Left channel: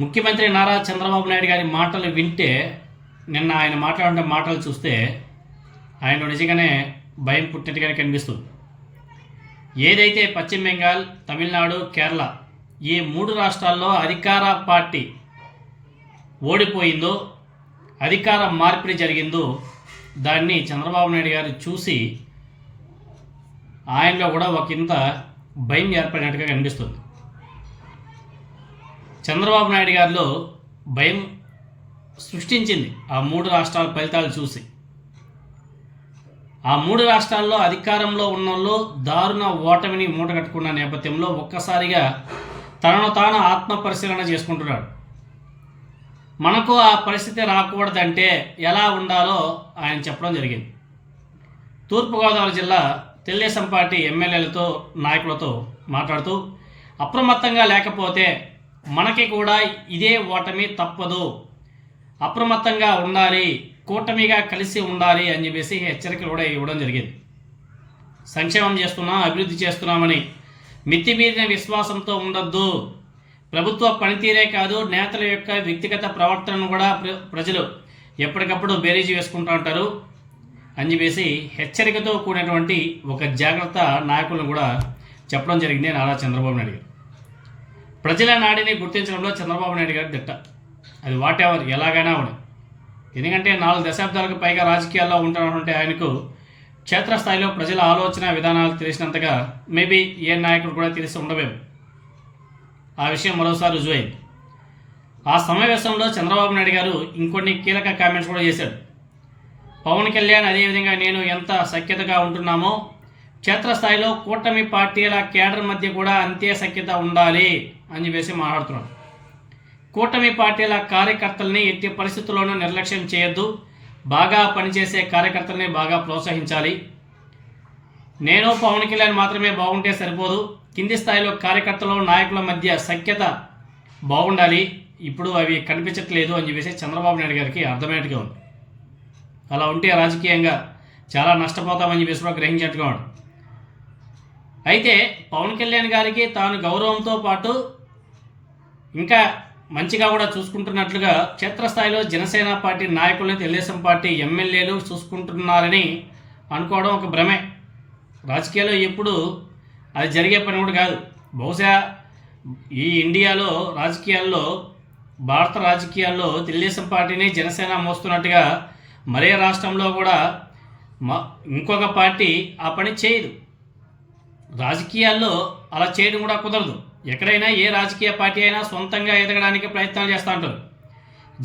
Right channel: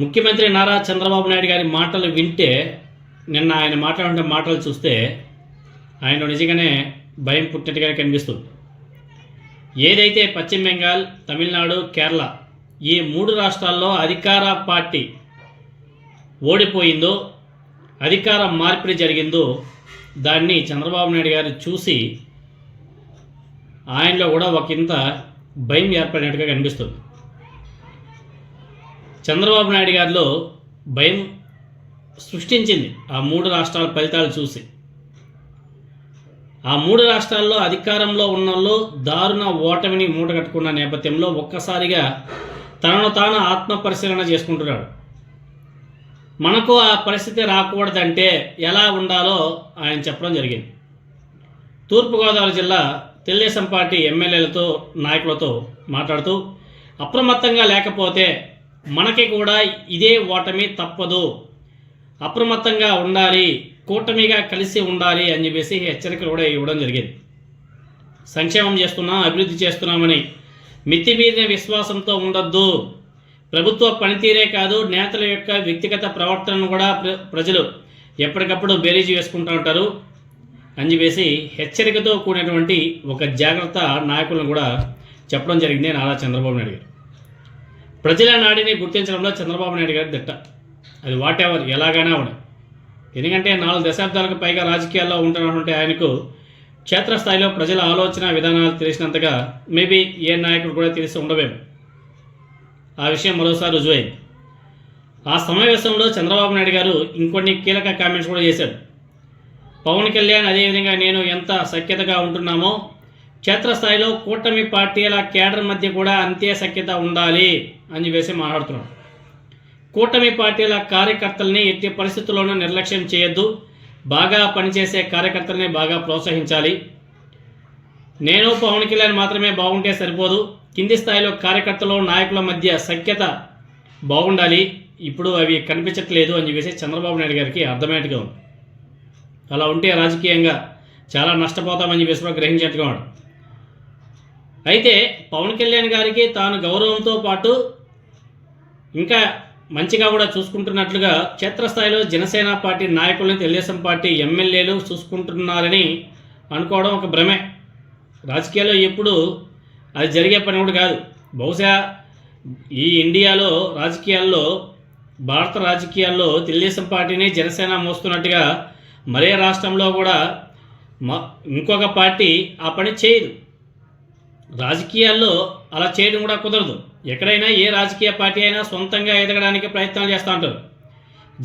ముఖ్యమంత్రి నారా చంద్రబాబు నాయుడు గారి మాటలు వింటే, నిన్న ఆయన మాట్లాడిన మాటలు చూస్తే ఆయన నిజంగానే భయం పుట్టినట్టుగానే కనిపిస్తుంది. ఏదైతే పశ్చిమ బెంగాల్, తమిళనాడు, కేరళ ఈ 3 రాష్ట్రాల్లో అధికార పార్టీ ఓడిపోయిందో, అధికార మార్పిడి జరిగిందో, దాన్ని చంద్రబాబు నాయుడు గారు చూసి ఆయనలో కూడా ఒకంత భయం ఏర్పడినట్టుగా కనిపిస్తుంది. చంద్రబాబు నాయుడు గారిలో భయం సృష్టించింది ఆ 3 రాష్ట్రాల ఫలితాలు చూసి. ఆ 3 రాష్ట్రాల్లో అధికారంలో ఉన్న వాళ్ళు దారుణ ఓటమిని మూటగట్టుకున్న నేపథ్యంలో ఒక్కసారిగా తనను తాను ఆత్మ పరిశీలన చేసుకుంటున్నాడు. మనకు ఆ పరిస్థితి రాకూడదంటే ఎలా ఉండాలో ఆయన చెప్పడం జరిగింది. తూర్పుగోదావరి జిల్లా తెలుగుదేశం పార్టీ ఎమ్మెల్యేలతో, నాయకులతో మాట్లాడుతూ, అప్రమత్తంగా లేకపోతే మనకి కూడా ఇదే ఓటమి తప్పదు, అప్రమత్తంగా ఉండాలి, కూటమిగా కలిసి ఉండాలి అని చెప్పేసి హెచ్చరికలు కూడా ఇవ్వడం జరిగింది. సంక్షేమం చేస్తున్నాం, అభివృద్ధి చేస్తున్నామని మితిమీరిన విశ్వాసంతో ఉండొద్దు, ప్రభుత్వ పనితీరే కాదు నేతల యొక్క వ్యక్తిగత ప్రవర్తనను కూడా ప్రజలు ఎప్పటికప్పుడు బేరీజు వేసుకుంటూ ఉంటారు అని చెప్పేసి హెచ్చరికతో కూడినటువంటి ఒక జాగ్రత్త నాయకులను కూడా చెప్పడం జరిగింది నారా చంద్రబాబు నాయుడు గారు. ప్రజల నాడిని గుర్తించడంలో చంద్రబాబు నాయుడు గారి దిట్ట. అది వాట్ ఎవర్ ఎలాగైనా అవడం. ఎందుకంటే 4 దశాబ్దాలకు పైగా రాజకీయాల్లో ఉంటున్నటువంటి ఆయనకు క్షేత్రస్థాయిలో ప్రజల ఆలోచన విధానాలు తెలిసినంతగా మేబీ ఏ నాయకుడు కూడా తెలిసి ఉండవేమో. ఆ విషయం మరోసారి రుజువైంది. ఆ సమావేశంలో చంద్రబాబు నాయుడు గారు ఇంకొన్ని కీలక కామెంట్స్ కూడా చేశారు. పవన్ కళ్యాణ్ అదేవిధంగా నేను ఎంత సఖ్యతగా ఉంటున్నామో, క్షేత్రస్థాయిలో కూటమి పార్టీల కేడర్ మధ్య కూడా అంతే సఖ్యత ఉండాలి అని చెప్పేసి మాట్లాడుతున్నాడు. కూటమి పార్టీల కార్యకర్తల్ని ఎట్టి పరిస్థితుల్లోనూ నిర్లక్ష్యం చేయొద్దు, బాగా పనిచేసే కార్యకర్తల్ని బాగా ప్రోత్సహించాలి. నేను పవన్ కళ్యాణ్ మాత్రమే బాగుంటే సరిపోదు, కింది స్థాయిలో కార్యకర్తలు, నాయకుల మధ్య సఖ్యత బాగుండాలి. ఇప్పుడు అవి కనిపించట్లేదు అని చెప్పేసి చంద్రబాబు నాయుడు గారికి అర్థమయ్యేట్టుగా ఉంది. అలా ఉంటే రాజకీయంగా చాలా నష్టపోతామని చెప్పేసి గ్రహించేట్టుగా ఉన్నాడు. అయితే పవన్ కళ్యాణ్ గారికి తాను గౌరవంతో పాటు ఇంకా మంచిగా కూడా చూసుకుంటున్నట్లుగా క్షేత్రస్థాయిలో జనసేన పార్టీ నాయకులను, తెలుగుదేశం పార్టీ ఎమ్మెల్యేలు చూసుకుంటున్నారని అనుకోవడం ఒక భ్రమే. రాజకీయాల్లో ఎప్పుడు అది జరిగే పని కూడా కాదు. బహుశా ఈ ఇండియాలో రాజకీయాల్లో, భారత రాజకీయాల్లో తెలుగుదేశం పార్టీని జనసేన మోస్తున్నట్టుగా మరే రాష్ట్రంలో కూడా ఇంకొక పార్టీ ఆ పని చేయదు. రాజకీయాల్లో అలా చేయడం కూడా కుదరదు. ఎక్కడైనా ఏ రాజకీయ పార్టీ అయినా సొంతంగా ఎదగడానికి ప్రయత్నాలు చేస్తూ ఉంటారు.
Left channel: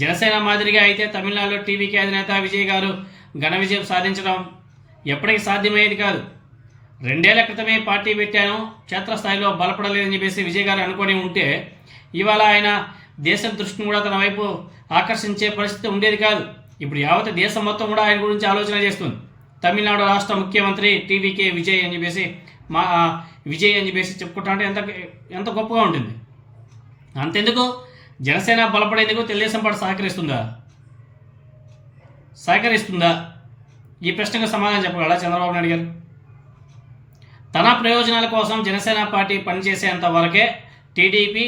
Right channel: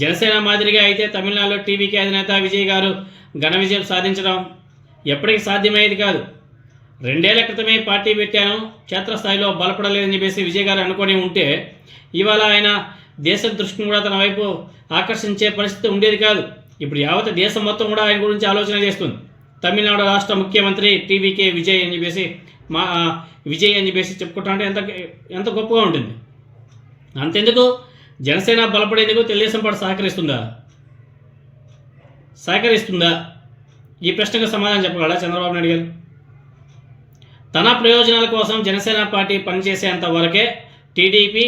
జనసేన మాదిరిగా అయితే తమిళనాడులో టీవీకి అధినేత విజయ్ గారు ఘన విజయం సాధించడం ఎప్పటికీ సాధ్యమయ్యేది కాదు. 2 ఏళ్ల క్రితమే పార్టీ పెట్టాను, క్షేత్రస్థాయిలో బలపడలేదని చెప్పేసి విజయ్ గారు అనుకొని ఉంటే ఇవాళ ఆయన దేశ దృష్టిని కూడా తన వైపు ఆకర్షించే పరిస్థితి ఉండేది కాదు. ఇప్పుడు యావత్ దేశం మొత్తం కూడా ఆయన గురించి ఆలోచన చేస్తుంది. తమిళనాడు రాష్ట్ర ముఖ్యమంత్రి టీవీకే విజయ్ అని చెప్పేసి విజయ్ అని చెప్పేసి చెప్పుకుంటామంటే ఎంత గొప్పగా ఉంటుంది. అంతెందుకు, జనసేన బలపడేందుకు తెలుగుదేశం పార్టీ సహకరిస్తుందా? ఈ ప్రశ్నకు సమాధానం చెప్పగలరా చంద్రబాబు నాయుడు గారు? తన ప్రయోజనాల కోసం జనసేన పార్టీ పనిచేసేంత వరకే టీడీపీ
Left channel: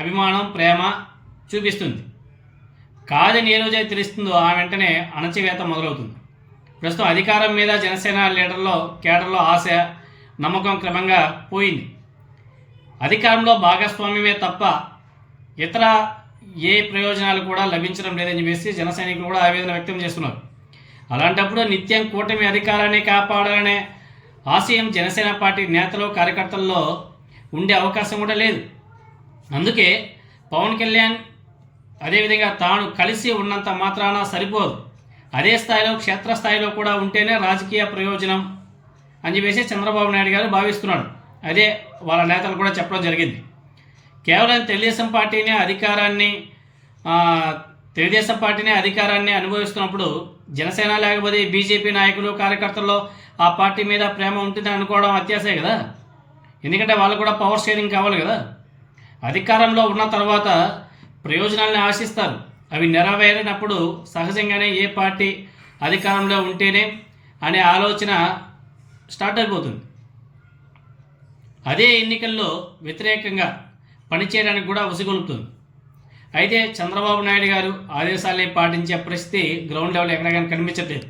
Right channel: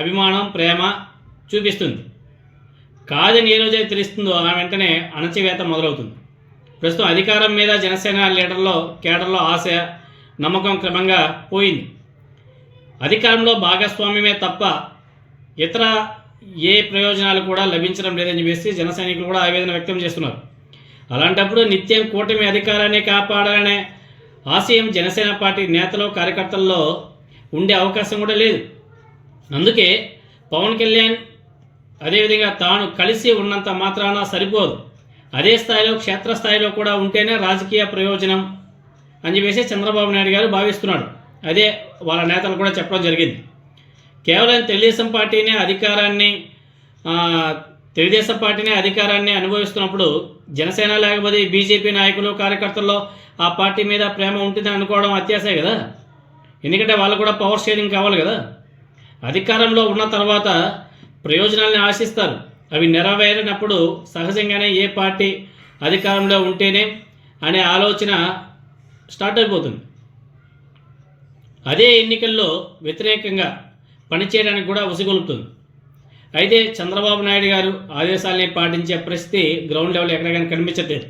అభిమానం, ప్రేమ చూపిస్తుంది. కాదని ఏ రోజైతే తెలుస్తుందో ఆ వెంటనే అణచివేత మొదలవుతుంది. ప్రస్తుతం అధికారం మీద జనసేన కేడర్లో ఆశ, నమ్మకం క్రమంగా పోయింది. అధికారంలో భాగస్వామ్యమే తప్ప ఇతర ఏ ప్రయోజనాలు కూడా లభించడం లేదని చెప్పేసి జన సైనికులు కూడా ఆవేదన వ్యక్తం చేస్తున్నారు. అలాంటప్పుడు నిత్యం కూటమి అధికారాన్ని కాపాడాలనే ఆశయం జనసేన పార్టీ నేతలు, కార్యకర్తల్లో ఉండే అవకాశం కూడా లేదు. అందుకే పవన్ కళ్యాణ్ అదేవిధంగా తాను కలిసి ఉన్నంత మాత్రాన సరిపోదు, అదే స్థాయిలో క్షేత్రస్థాయిలో కూడా ఉంటేనే రాజకీయ ప్రయోజనం అని చెప్పేసి చంద్రబాబు నాయుడు గారు భావిస్తున్నాడు. అదే వాళ్ళ నేతలు కూడా చెప్పడం జరిగింది. కేవలం తెలుగుదేశం పార్టీనే అధికారాన్ని అనుభవిస్తున్నప్పుడు జనసేన లేకపోతే బీజేపీ నాయకులు, కార్యకర్తల్లో ఆ పార్టీ మీద ప్రేమ ఉంటుందని అనుకోవడం అత్యాశే కదా. ఎందుకంటే వాళ్ళు కూడా పవర్ షేరింగ్ కావాలి కదా. అధికారంలో ఉన్న తర్వాత ప్రయోజనాలను ఆశిస్తారు. అవి నెరవేరినప్పుడు సహజంగానే ఏ పార్టీ అధికారంలో ఉంటేనే అనే ఆలోచన స్టార్ట్ అయిపోతుంది. అదే ఎన్నికల్లో వ్యతిరేకంగా పనిచేయడానికి కూడా ఉసిగొలుపుతుంది. అయితే చంద్రబాబు నాయుడు గారు ఆదేశాలని పాటించే పరిస్థితి గ్రౌండ్ లెవెల్ ఎక్కడ కానీ కనిపించట్లేదు.